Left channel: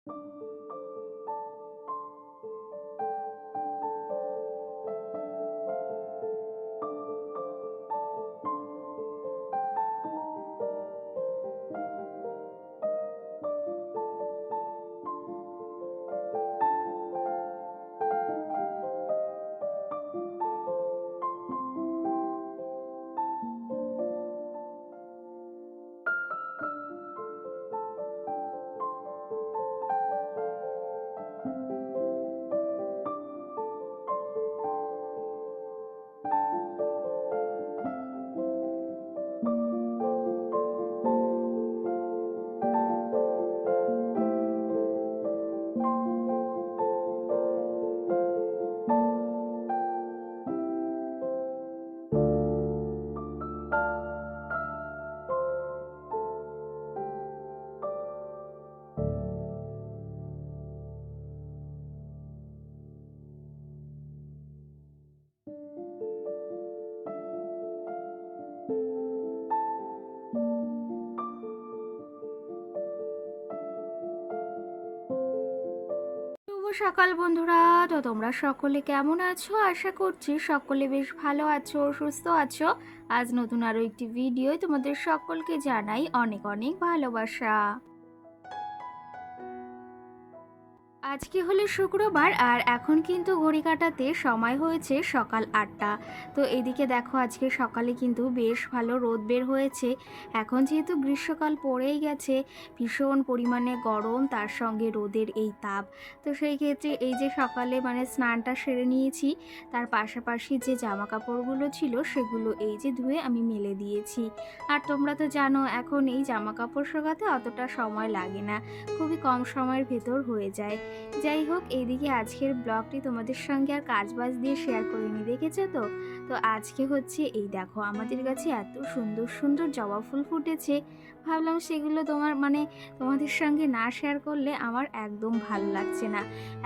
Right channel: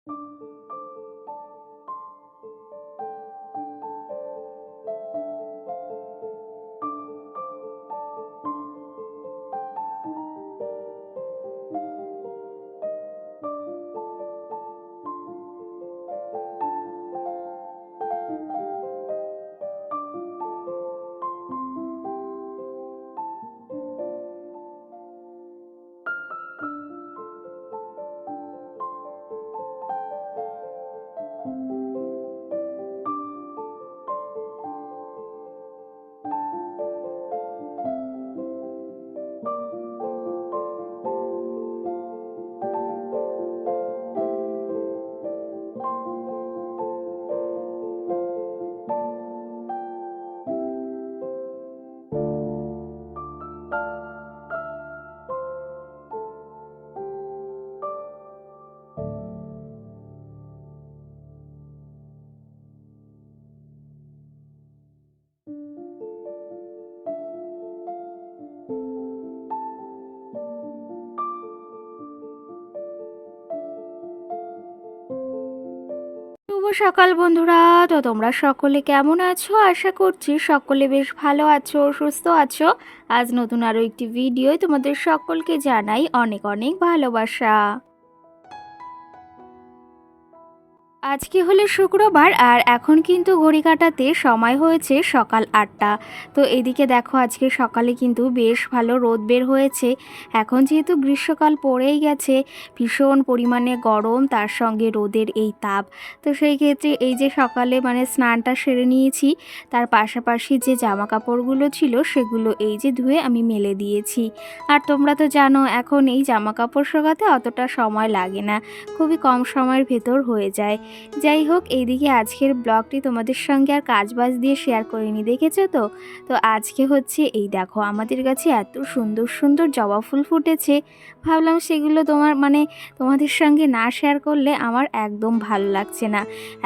শুভ সকাল বন্ধুরা। তো তোমরা সকলে কেমন আছো? আশা করছি সকলে বেশ ভালো আছো, সুস্থ আছো। আজ নতুন আরও একটি ভিডিওয় তোমাদের সকলকে জানাই অনেক অনেক ভালোবাসা। আজকে হলো শুক্রবার আর এখন কিন্তু ঘড়ি কাটাতে সময় হয়েছে সকাল 8টা। তো এদিকে দেখো আজকে সকালে কিন্তু বেশ ভালো রোদ বের হয়েছে। এখন যেহেতু গ্রীষ্মকাল পড়েই গেছে, ভীষণ পরিমাণে গরম, তার সঙ্গে রোদের এই তাপ। তো সেই ক্ষেত্রে এই যে সকালে স্নানটা সেরে নিয়েছি, তার পাশাপাশি যে জামা কাপড়গুলো ছিল সেগুলো এই যে ধুয়ে আমি মেলে দিয়েছি। আর তোমরা তো জানো এখন এই জামা কাপড় শোকাতে অতটা সময় লাগে না, খুবই কম সময়ের ভেতর হয়ে যায়। যাই হোক, এইদিকে আজকের ব্লগটি তোমাদের সঙ্গে আর কাজবাজ দিয়ে শেয়ার করিনি, দেখেছো তো। তো আজকে হচ্ছে এই দেখো আমাদের কাছে এত সুন্দর সুন্দর জবা ফুল ফুটেছে, ভাবলাম সেগুলো তোমাদের সঙ্গে না শেয়ার করলে আমার একদম ভালো লাগছে না।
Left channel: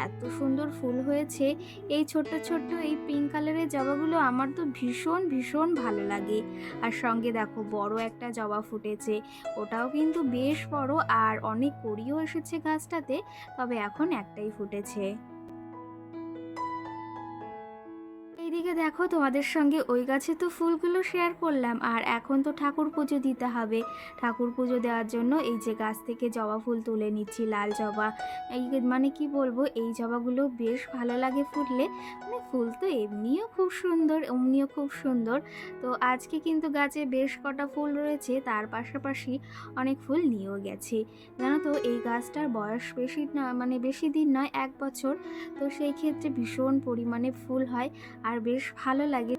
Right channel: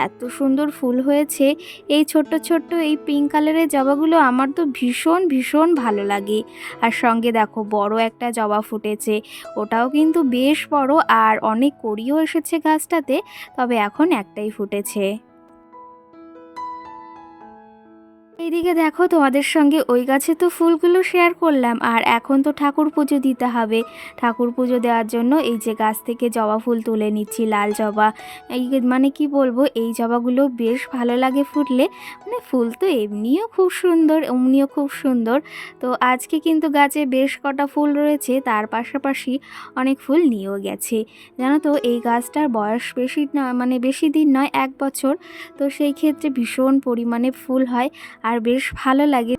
এত সুন্দর ফুল হয়েছে, এই ছোট্ট ছোট্ট এই পিঙ্ক কালারের জবাগুলো আমার তো ভীষণ ভীষণ ভালো লাগে। আর সঙ্গে দেখো বড় একটা জবা ফুটেছে, ওটাও কিন্তু বেশ বড়, আর অনেক কড়িও এসেছে গাছটাতে, তবে এখন একটাই ফুটেছে। এইদিকে দেখো তোমাদের সঙ্গে ওই গাছে তো ফুলগুলো শেয়ার করলাম, আর এখন তো ঠাকুর পুজো দিতে হবে। ঠাকুর পুজো দেওয়ার জন্য এই যে গাছ থেকে জবা ফুল তুলে নিচ্ছি, লাল জবা। এই কি বলবো, এই জবাগুলো বেশ ভালো লাগে ফুটলে। ফুল তো এমনিও খুব সুন্দর, অমনিও খুব সুন্দর। তো আজকে কিন্তু গাছে বেশ কটা ফুল রয়েছে, তার পাশাপাশি অনেক ফুল নিয়েও গেছে। জানো তো এই গাছটার বয়স বেশি না, বেশি দিন নয়, 1 বছর। তো সেই ক্ষেত্রে ভীষণ পরিমাণে ফুল হয় আর বেশ ভালো লাগে।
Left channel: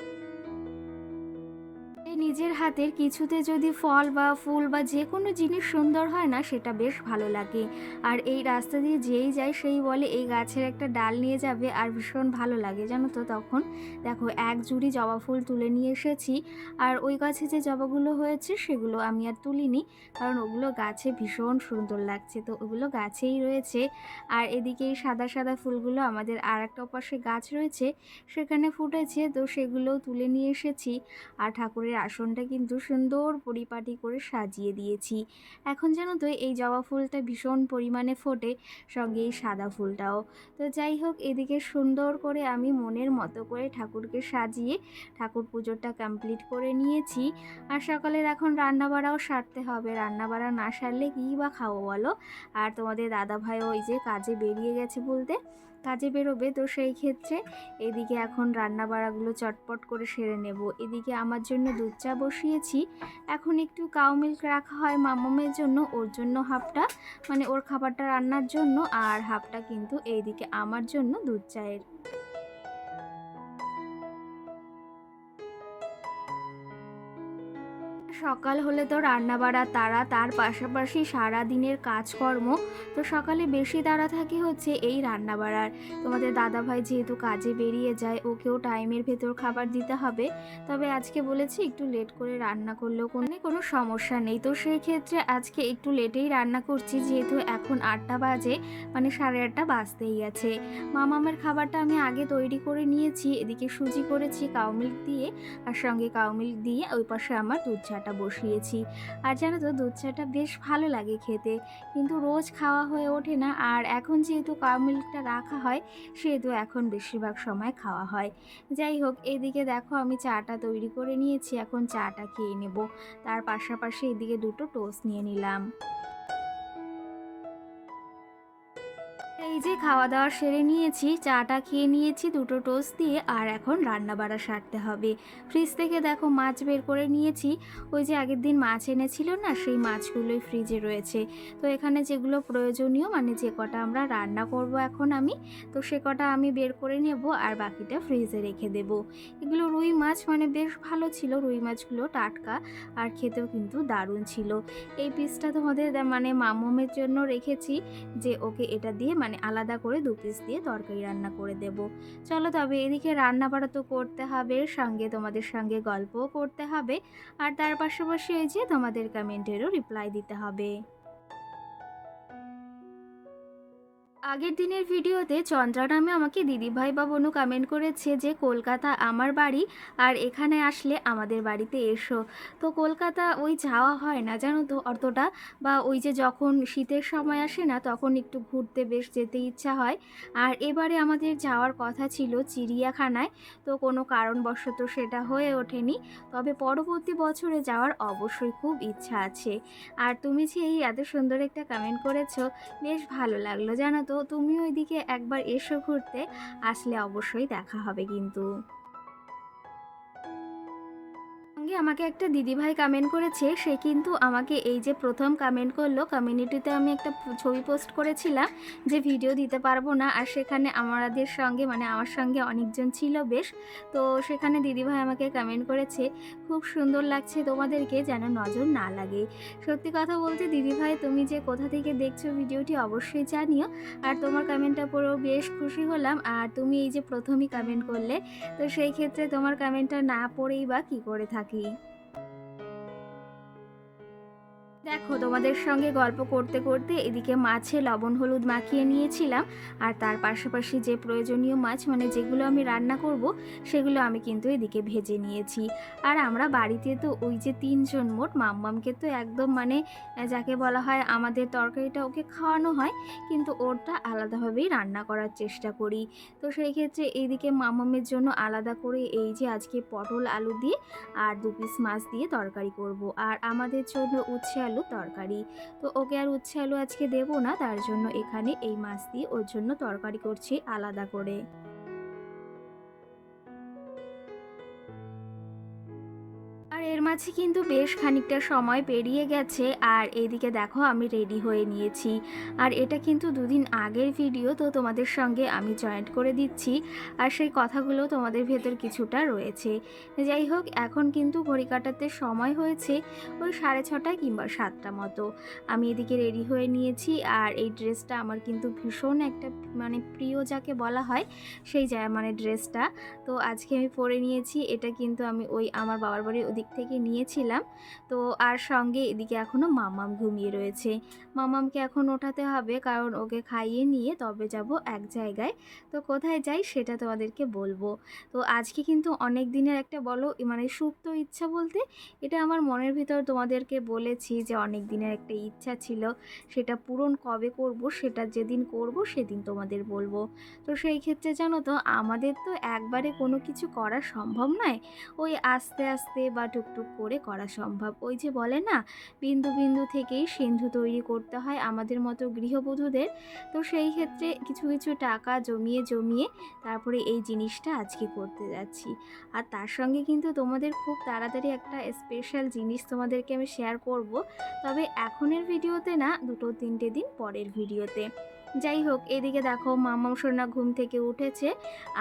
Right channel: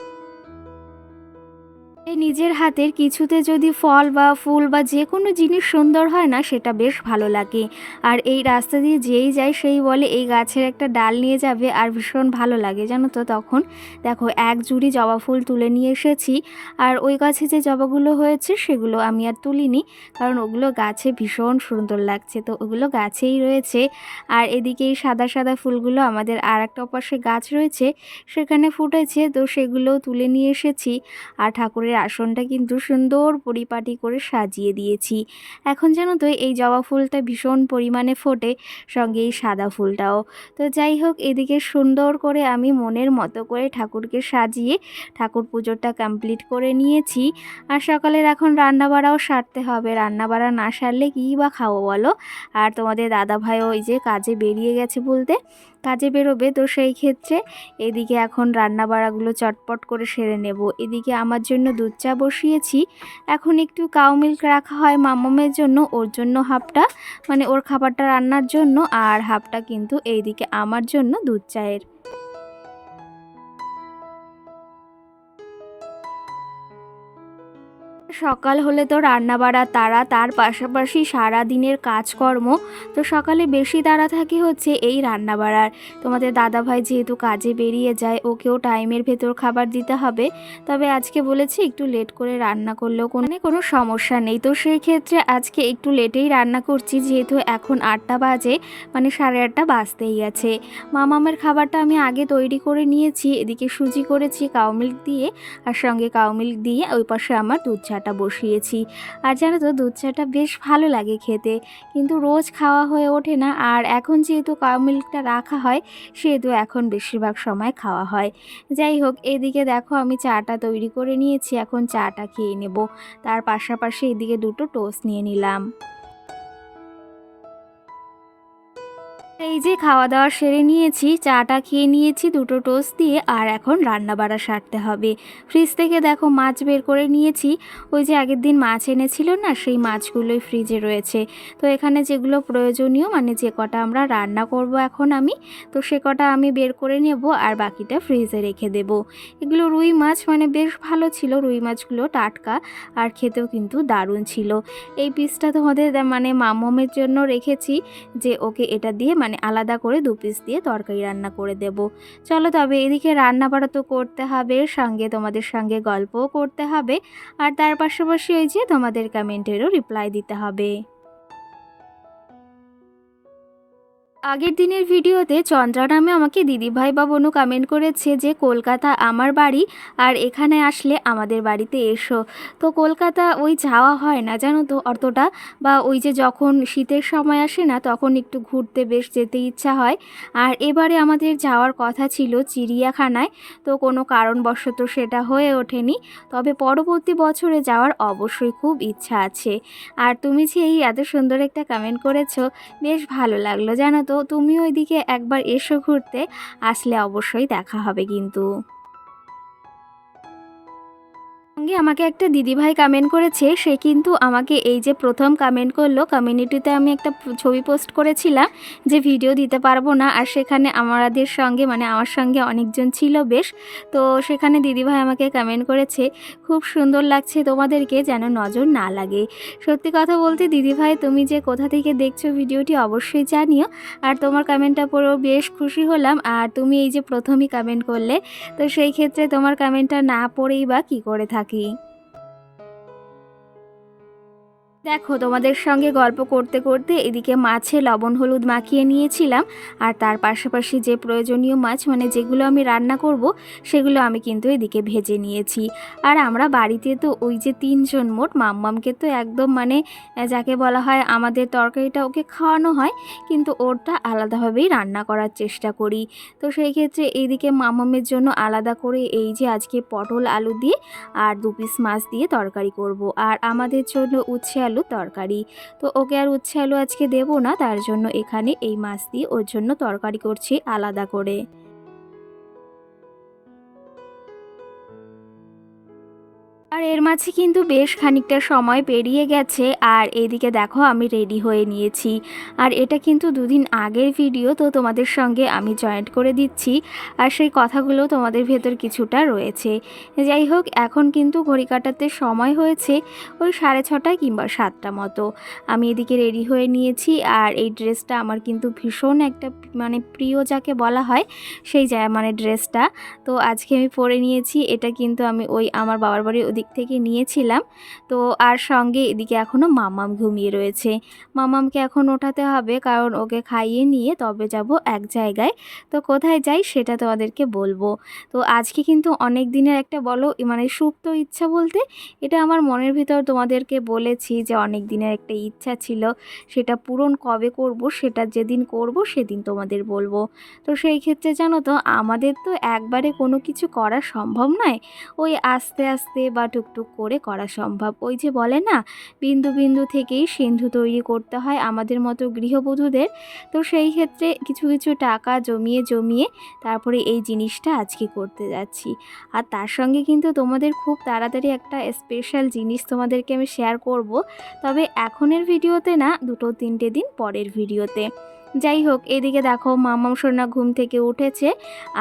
এই নিজের হাতের কিছুতে যদি ফল বা ফুল বা যে কোনো জিনিস সুন্দর হয় না, সেটা বেশ ভালো লাগে। আর এই রাস্তা দিয়ে যেই যায় সেই বলে এই গাছের একটা ডাল নিয়ে যাবে, আর ভীষণ ভালো লাগে জানো তো। তখন দেখো এক জুড়ি জবা ফুল তুলে নিয়ে এসেছি। আর ওই গাছে যে জবাগুলো হয়েছে সেগুলো আমি আর তুলিনি, কারণ ওগুলো গাছে ভীষণ সুন্দর লাগছে, তো ওগুলো গাছেই রয়েছে। আর এদিকে এই সাদা সাদা ফুলগুলো আমাদের আর একটা পাশে গাছ রয়েছে, সেখানে ফুটেছে, তো সেগুলোও তুলে নিয়ে এসেছি। আর ঠাকুরের আসনটা কিন্তু সুন্দর পরিপাটি করে সাজিয়ে দিয়েছি। এখন জানো তো এই জবা ফুলটা ভীষণ পরিমাণে ফোটে, সঙ্গে এই সাদা ফুলটাও। তো যাই হোক, এদিকে সুন্দর করে আমি মনের মতো করে ঠাকুরকে সাজিয়ে ঠাকুর পুজোটা কমপ্লিট করে নিয়েছি। আর সকালের এখন রান্নাবাড়াও সারতে হবে, রান্নাবাড়া না সারলে কী বা খাবো বলো। আর তোমাদের দাদাভাইও ওই যে কাজে বেরিয়ে গেছে, বলতে কাজে বেরোবে, তো সেই ক্ষেত্রে এদিকে এখন রান্নাবাড়াগুলো চটপট করে সেরে নেব। এদিকে আমার জন্য দুধ চা বসিয়েছি। এখন একটু কাউ মিল্ক রাখা হয় মাম্মামের জন্য, ওর জন্য হাফটা, ওর খাবারটা রান্নার জন্য, আর হাফটা কিন্তু এইদিকে আমার জন্য দুধ চায়ের। সকাল হলে তো রান্নাবাড়া তাড়া, তার পাশাপাশি সারা দিনের কাজকর্ম। তো সকালে বেশি তাড়া থাকে হচ্ছে এই রান্নাবাড়ার। তোমাদের দাদাভাই যেহেতু কাজে বেরিয়ে যায়, ওকেও টাইমের ভেতর খাবার দিতে হবে। তবে আজকে বলেছি একটু লেট করে রান্না করলেও কোনো সমস্যা নেই। তো সেই ক্ষেত্রে আজকে একটু লেটেই রান্না করছি, যেহেতু এখন 8টা বাজে, 8:30 বাজতেই গেছে। মামামের খাবারটা আমি আগে তৈরি করে নিয়েছি, এদিকে সুজি করেছি কাউ মিল্ক দিয়ে, আর সঙ্গে কাউ মিল্ক দিয়ে ওই পাশে আমার দুধ চাটা চাটা বসিয়েছি। আর জানো তো দুধ চাটা বেশ ভালো লাগে খেতে, কিন্তু রোজ খাওয়া হয়ে ওঠে না। আর এখন যেহেতু কাউ মিল্কটা রাখা হয় সেহেতু এখন বেশিরভাগ সময় খাওয়া হয়। যাই হোক, এদিকে দেখো আমি চাটা তৈরি করে নিয়েছি, এখন চাটা খেয়ে নেব। তার পাশাপাশি এদিকে দুটো টোস্ট নিয়ে নিলাম। এই যে খাওয়া দাওয়া সেরে নিয়েছি, চাটা খেয়ে নিয়েছি দুটো টোস্ট দিয়ে, আর এখন রান্না বাড়া সারতে হবে। ফ্রিজ থেকে দেখো মাছ বের করে নিয়েছি। ওই যে আগের দিন মাছ এনেছিল না, সেই মাছগুলোই ফ্রিজে রয়েছে। তো এখানে যেগুলো প্রয়োজনীয় মানে যে কটা আমরা রান্না করব এখন আমি, তো সে কটা আমি বের করে নেব আর বাকিটা ফ্রিজে রেখে দেব। এগুলো রুই মাছ, মানে বেশ ভালো ছিল রুই মাছগুলো, টাটকা আর খেতেও কিন্তু দারুণ ছিল। এই পিসটা তোমাদের মানে মামমের জন্য রেখেছি, যে ওকে এটা দিয়ে মানে আলাদা করে 2 পিস দিয়ে তরকারি রান্না করে দেব। চলো তবে এদিকে রান্না বাড়া তো করতে হবে, সঙ্গে তোমাদের সঙ্গে গল্পও করতে হবে, আর তার পাশাপাশি ওই যে তোমাদের কমেন্টেরও রিপ্লাই দিতে হবে। আগের দিনের ভিডিওতে চন্দ্রা নামে আমাকে দিদিভাই বা বোনু কমেন্ট করেছে যে কলকাতা আমার বাড়ি, আর এখানে আসলে আমাদের বাড়িতে এসো। তো কলকাতা ওই যাওয়া হয় না জানো তো অতটা, বা ওই যে যখন শীতের সময় আসে না তখন একটু ঘুরতে বেশ যেতে ইচ্ছা হয়। আর এবারে আমাদের যাওয়ার কথা ছিল চিড়িয়াখানায়, তো কোনো কারণবশত সেটা হয়ে ওঠেনি। তবে পরবর্তী বছরে যাওয়ার অবশ্যই খুব ইচ্ছা আছে। আর তুমি যে এই এত সুন্দর একটা কমেন্ট করেছো, বেশ ভালো লাগলো জানো তো। তুমিও ওইদিকে একবার এসো ঘুরতে, আসলে অবশ্যই দেখা হবে কিন্তু। সঙ্গে আমাকে একটা দিদিভাই কমেন্ট করেছে, সে কিন্তু আমাকে এই যে প্রথম কমেন্ট করলো। কমিউনিটিতে আমি একটা ছবি পোস্ট করেছিলাম যে ভিডিও দিতে পারবো না, আর সেখানে আমাদের সঙ্গে মানে আমার সঙ্গে অনেকজন ছিল বেশ। তো সেখানে দিদিভাই আমাকে কমেন্ট করেছে, খুব সুন্দর লাগছে তোমাদেরকে, যেন নজর না লাগে। সত্যি কথা বলতে দিদিভাই, তুমি যে কোথা থেকে দেখছো ভিডিওটি অবশ্যই জানিও। আর তোমার কমেন্টটা পড়েও বেশ খুশি হলাম। আর তুমি এই যে প্রথমই কমেন্ট করলে, তো সেই ক্ষেত্রে তোমার কমেন্টটা না পড়েই বা কী করে থাকি। দেখো তোমাদের সঙ্গে গল্প করতে করতে এদিকে মাছে লবণ হলুদ মাখিয়ে নিয়েছিলাম, আর তার পাশাপাশি যে প্রয়োজনীয় মাছ মানে যেগুলো আমি রান্না করব সেগুলো আমি কিন্তু এদিকে ভেজে নিয়েছি। আর আমরা বাড়িতে তো ওই যে 3 জন মোট, মাম্মামকে তো একদম মানে যাকে বলা হয় আমাদের তরকারিটা ওকে খাওয়ানো হয়, কিন্তু ওরটা আলাদাভাবেই রান্না করার চেষ্টা করি। তো সেই ক্ষেত্রে এইদিকে মাম্মামের জন্য আলাদা করে এই যে আজকে পটল আলু দিয়ে আর 2 পিস মাছ দিয়ে তরকারি করব, আর আমাদের জন্য উচ্ছে আলু তরকারি। তো ওকে আর উচ্ছে আলু আজকে দেবো না, তার জন্য এখানে এই মাছ দিয়ে ওর জন্য তরকারি করছি আলাদা করে। আর এর মাঝে কিন্তু বেশ খানিকটা সময় পেরিয়ে গেছে, আর এদিকে দেখো আমি রেডি হয়ে নিয়েছি। আর এটা কিন্তু 2 দিন আগের ভিডিও, তো তোমাদের সঙ্গে আমি জয়েন্ট করে দিচ্ছি, আর সেই কথাগুলো তোমাদের ভেতর কিছুটা রয়েছে। যাই হোক, এখন কিন্তু ঘড়ি কাটাতে সময় হয়েছে ওই 6:30 কিংবা 7টা মতো। আমি এদিকে রেডি হয়ে নিয়েছি, আর এই ড্রেসটা আমার কিন্তু ভীষণ একটা মানে প্রিয় যাকে বলা হয়, সেই মানে ড্রেসটা। তো আজকে আমি পরে নিয়েছি, এটা কিন্তু আমি ওই আমার বাবার বাড়ির ওদিক থেকে নিয়েছিলাম। তো আর সঙ্গে এদিকে এখনও মাম্মাম ঘুমিয়ে রয়েছে। মাম্মামকে এখন ওঠাতে হবে, কারণ ওকে খাইয়ে নিয়ে তবে যাব এক জায়গায়। তো কোথায় যাই সেটা তোমাদেরকে বলবো। তো আজকে কিন্তু অনেক দিনের একটা বলো মানে সুপ্ত ইচ্ছা বলতে, এটা আমার মনের ভিতর তোমাদেরকে বলেছি যে অনেক দিনের একটা ইচ্ছা ছিল, সেটা পূরণ কবে করব সেটা যেদিন করব সেদিন তোমাদের বলবো। তো সেই ক্ষেত্রে জানো তো আমাদের তো একবারে কোনো কিছু করা সম্ভব নয়, ওই আস্তে আস্তে বা টুকটুক করে করা সম্ভব। ওই যে বলে না, বিন্দু বিন্দু থেকেই সিন্ধু তৈরি করতে হয় আমাদের মতো গৃহবধূদের। তো সেই ক্ষেত্রে কিছু কিছু টাকা জমিয়ে জমিয়ে তারপরে এই জিনিসটা আজকে করতে যাচ্ছি। আর তার সঙ্গে কিন্তু তোমাদের খুব তাড়াতাড়ি একটা স্পেশাল জিনিস তোমাদেরকে আমি শেয়ার করব, তবে এখনের ভিডিওতে না, 2-3টে দিন পরের ভিডিওতে। যাই হোক, এদিকে দেখো মাম্মাম সোনা ঘুম থেকে উঠেছে,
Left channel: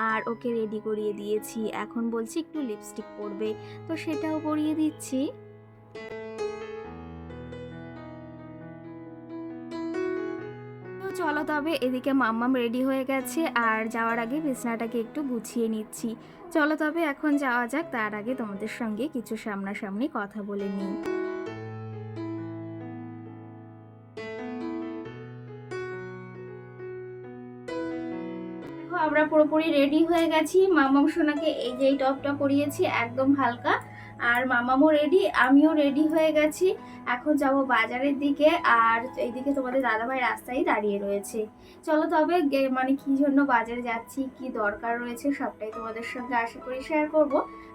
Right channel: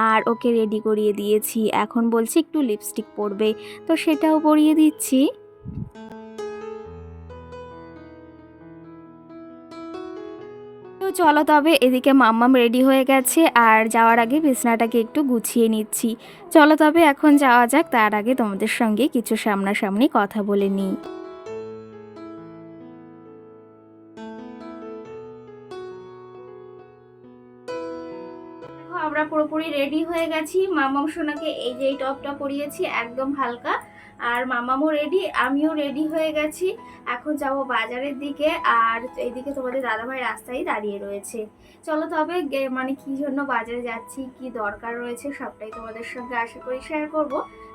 আর ওকে রেডি করিয়ে দিয়েছি। এখন বলছি একটু লিপস্টিক পরবে, তো সেটাও পরিয়ে দিচ্ছি। তো চলো তবে এদিকে মাম্মাম রেডি হয়ে গেছে, আর যাওয়ার আগে বিছনাটাকে একটু গুছিয়ে নিচ্ছি। চলো তবে এখন যাওয়া যাক, তার আগে তোমাদের সঙ্গে কিছু সামনাসামনি কথা বলে নিই। দেখো আমরা পুরোপুরি রেডি হয়ে গেছি। মামাম সোনাকে এই যে এই টপটা পরিয়েছি একদম হালকা, আর মামামও রেডি, আমিও রেডি হয়ে গেছি। এখন যাব বাজারের দিকে, আর এইদিকে তোমাদের দাদাভাই রাস্তায় দাঁড়িয়ে রয়েছে। চলো তবে মানে কি জন্য বাজারে যাচ্ছি, কি দরকার রয়েছে সবটাই তোমাদের সঙ্গে আশা করি শেয়ার করব,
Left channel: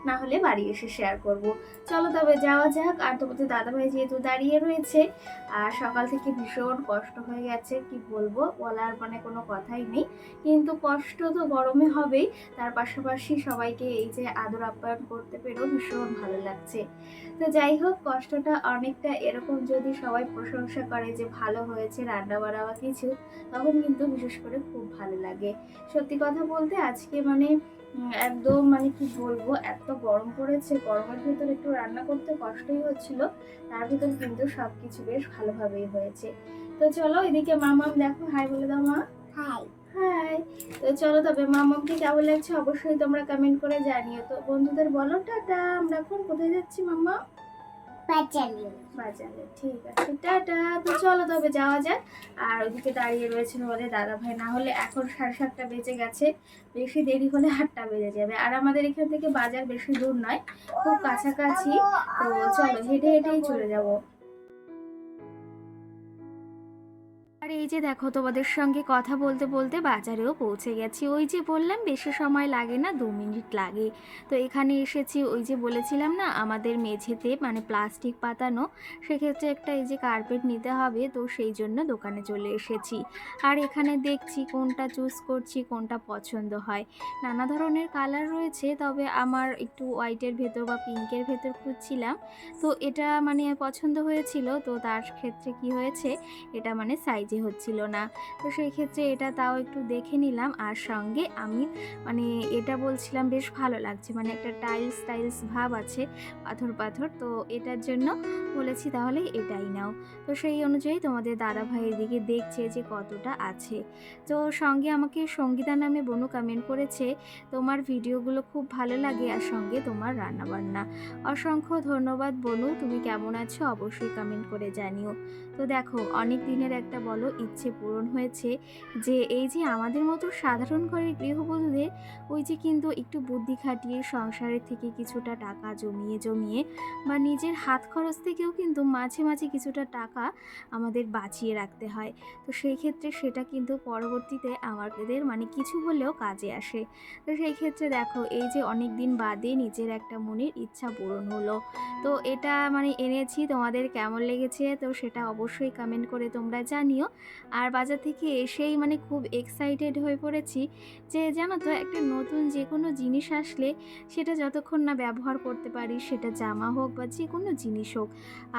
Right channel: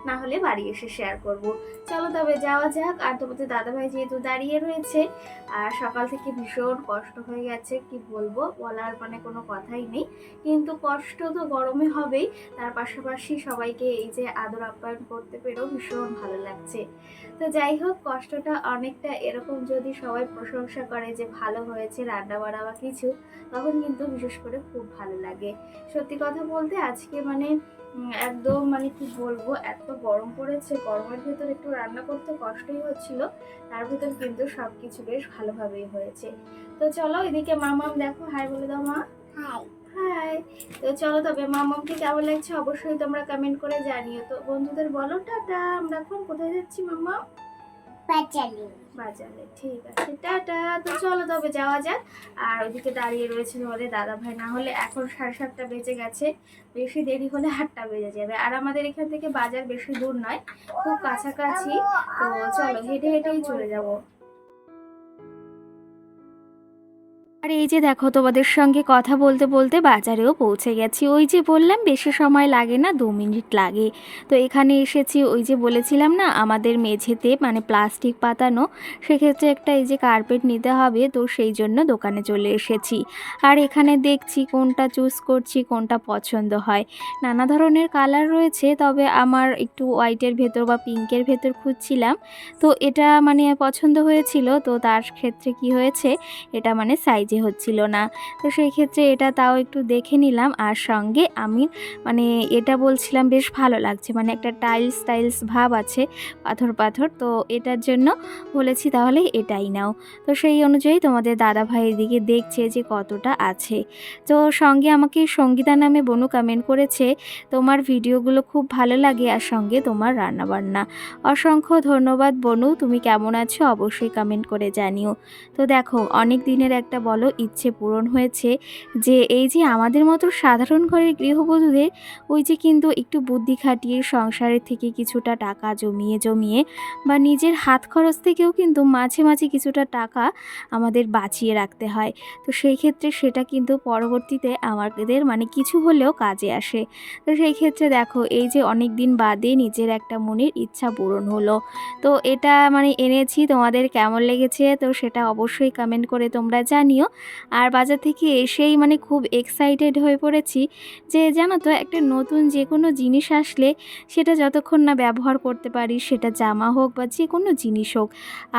না হলে বাড়ি এসে শেয়ার করব। চলো তবে যাওয়া যাক। আর তোমাদের দাদাভাই যেহেতু দাঁড়িয়ে রয়েছে, আর সকাল থেকে ভীষণ কষ্ট হয়ে গেছে, কি বলবো, বলার মানে কোনো কথাই নেই। কিন্তু কষ্ট তো গরমে হবেই, তার পাশাপাশি সবাইকে এই যে আদর আপ্যায়ন করতে পেরেও ভীষণ ভালো লাগছে। তো যাই হোক, কষ্টটা অনেকটা এরকম, যদি সবাই প্রশংসা করে যে ভালো হয়েছে রান্না বান্না বা কিছু, তখন কিন্তু বিশেষ করে খুব ভালো লাগে। সত্যি কথা বলতে আজকে মানে একদম মানে কি বলবো, এত গরম পড়েছে, গরমের ভেতর একটু রান্না করতে কষ্টই হচ্ছিল, তার ভিতর কিন্তু সব কিছু বেশ ভালোভাবেই হয়েছে। তো চলো, এদিকে মামাম দেখো, হাই বলে দাও মা। High high. তো চলো তবে মামামকে কেমন লাগছে অবশ্যই তোমরা কমেন্ট করে জানিও। তো বন্ধুদের বলো টাটা, আমরা এখন কোথায় যাচ্ছি মামা? বাজারে। ঠিক আছে, টাটা। তো চলো তবে যাওয়া যাক। আর ওইদিকে দাঁড়িয়ে রয়েছে তোমাদের দাদা ভাই, না হলে এখন 7:30 বেজে গেছে, বেশি দেরি হলে 8টা বেজে যাবে। আর আমাদের এখান থেকে বাজার বেশি দূর নয়, খুব কাছাকাছি। তো চলো, হেঁটে হেঁটেই চলে যাবো। আর এই যে দেখো, তোমাদের সঙ্গে কথা বলতে বলতে বাজারেও পৌঁছে গেছি। ওই যে বললাম বেশি সময় লাগে না, 2 মিনিট লাগে। তো এখানে এসেছি, ওই যে বলেছিলাম না আমাদের মেঝেতে মানে প্লাস্টিক পাতানো, সেক্ষেত্রে একটা এই যে কার্পেট নিতে হবে, তো সেই জন্য দোকানে চলে এসেছি। আর এখানে দেখছি কোনটা চুজ করছি, কোনটা পছন্দ হয়। নানা ধরনের কালার রয়েছে, তবে আমার একটু হোয়াইটের ভেতর বা পিঙ্কের ভেতর খুঁজছিলাম। তো এটা মানে পছন্দ হয়েছিল, তো তার ক্ষেত্রে কি হয়েছে, এটা মানে সাইজে হচ্ছিল না। তো সেই ক্ষেত্রে এটা তাও একটু দেখে নিলাম। আর সঙ্গে আমি মানে এটা বলছিলাম বেশ ভালো লাগছে, মানে একটা টাইলস টাইলস ভাব আছে, পাথর পাথর, তো এটার জন্য বলেছি তাহলে এটাই নাও। তো সেই অনুযায়ী তোমাদের দাদা ভাই এদিকে দেখছে যে কতটা আছে। তো সঙ্গে আমাকে সঙ্গীতা নামে বনু কমেন্ট করেছে, তোমার ভিডিওগুলো খুব ভালো লাগে, আর সঙ্গে তোমার রান্নাবান্না। অসংখ্য ধন্যবাদ বনু, তুমি কেমন আছো অবশ্যই কমেন্ট করে জানিও। তো দেখো, অনেক দিনের একটা বলো ইচ্ছে পূরণ হয়েছে, যে এই যে আমাদের মতো সাধারণ ঘরের গৃহবধূদের ওই যে কিন্তু একটু বুদ্ধি খাটিয়ে সংসারের থেকে কিছুটা টাকা জমিয়ে জমিয়ে বা নিজের হাত খরচ থেকেও কিন্তু মাঝে মাঝে কিছুটা টাকা আমাদের বাঁচিয়ে রাখতে হয়। তো সেই ক্ষেত্রে সেটা কিন্তু পরবর্তীতে আমাদের মানে কিছু হলেও কাজে আসে। তো সেই ক্ষেত্রে দেখো, এই যে অনেক দিন বাদে নিজের একটা মনের ইচ্ছা পূরণ হলো। তো এটা মানে এনেছি, তোমাদের কেমন লেগেছে তো সেটা অবশ্যই কমেন্ট করে তোমরা জানিও। আর বাজার থেকে এসেই মানে খুব এক্সাইটেড হয়ে পড়েছি, যে জানো তো একটা নতুন যে কোনো জিনিস আসলে সেটা যতক্ষণ না ব্যবহার করতে পারি, সেটা জামা হোক বা যে কোনো জিনিস হোক।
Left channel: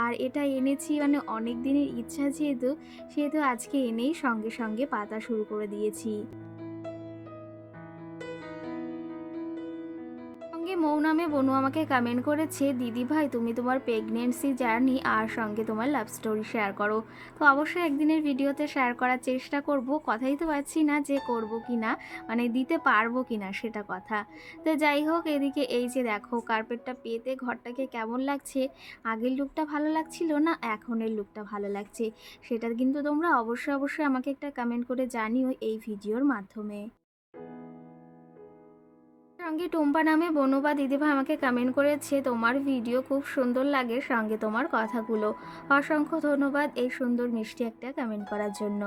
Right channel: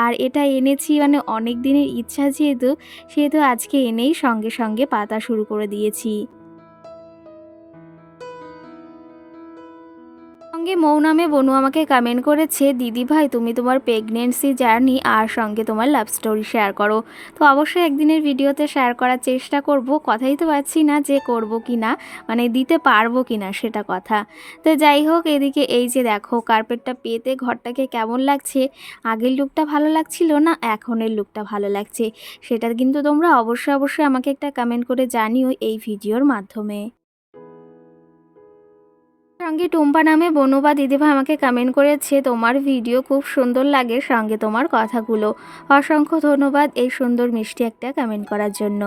আর এটা এনেছি মানে অনেক দিনের ইচ্ছা যেহেতু, সেহেতু আজকে এনেই সঙ্গে সঙ্গে পাতা শুরু করে দিয়েছি। সঙ্গে মৌনামে বনু আমাকে কমেন্ট করেছে, দিদি ভাই তুমি তোমার প্রেগনেন্সি জার্নি আর সঙ্গে তোমার লাভ স্টোরি শেয়ার করো। তো অবশ্যই একদিনের ভিডিওতে শেয়ার করার চেষ্টা করব, কথাই তো পাচ্ছি না যে করব কি না, মানে দিতে পারবো কি না সেটা কথা। তো যাই হোক, এদিকে এই যে দেখো কার্পেটটা পেতে ঘরটাকে কেমন লাগছে, আগের লুকটা ভালো লাগছিল না এখনের লুকটা ভালো লাগছে, সেটা কিন্তু তোমরা অবশ্যই অবশ্যই আমাকে একটা কমেন্ট করে জানিও এই ভিডিওর মাধ্যমে। সঙ্গে টুম্পা নামে বনু বা দিদিভাই আমাকে কমেন্ট করেছে, তোমার ভিডিও খুব সুন্দর লাগে, সঙ্গে তোমার কথাগুলো। অসংখ্য ধন্যবাদ এই সুন্দর মিষ্টি একটা কমেন্ট করার জন্য।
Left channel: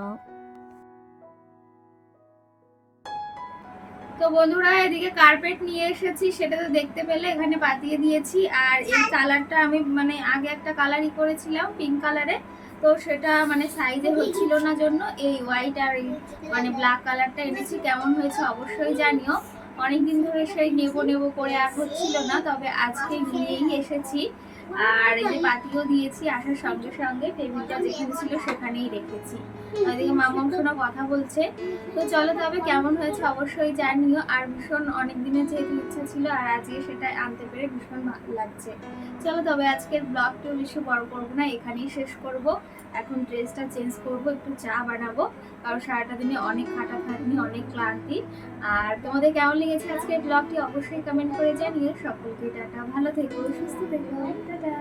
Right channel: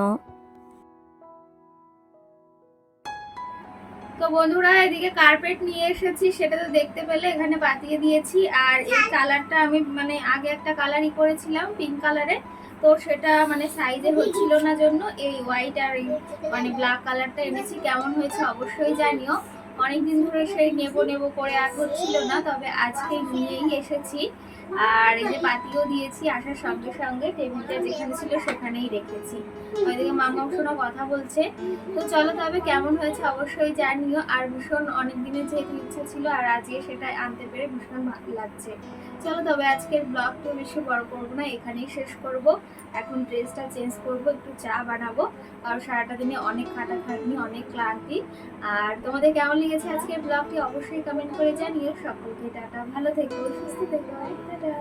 তো বন্ধুরা, এদিকে কার্পেট নিয়ে এসেছি, সেটা তো দেখতে পেলে এখানে পাতিয়ে দিয়েছি। আর এই কালারটা আমি মানে আগে একটা কালারই করেছিলাম পিঙ্ক কালারে, তো সেটা মানে সাইজে হচ্ছিল না জন্য এই হোয়াইট আর এই মানে ব্ল্যাক কালারটা এনেছি। কেমন হয়েছে অবশ্যই জানিও। অনেকদিন ধরে সেই নেবো নেবো করে আর হচ্ছিল না, তবে আজকে নিয়েই এসেছি। আর এই যে পাতিও দিয়েছি, আসার সঙ্গে সঙ্গে টেবিলটা যেখানে ছিল সেখানেই রেখেছি। ওইদিকে মামাম শোনা কথা বলছে। তো চলো তবে কেমন হয়েছে অবশ্যই জানিও। আর ভীষণ অনেক দিনের যেহেতু ইচ্ছা ছিল, আর আজকে সেটা আনতে পেরে ভীষণ ভালো লাগছে। চলো তবে আজকের ব্লগটিও বেশি বড় করবো না, এখানেই শেষ করব। এখন ড্রেসটা চেঞ্জ করব, একটু চা বানাবো, কারণ সারাটা দিনে অনেক খাটাখাটনি, অনেক ক্লান্তি। আর তোমাদের কেমন লেগেছে আজকের ব্লগটি অবশ্যই কমেন্ট করে জানিও। সকলকে টাটা, ভালো থেকো, সুস্থ থেকো, টাটা।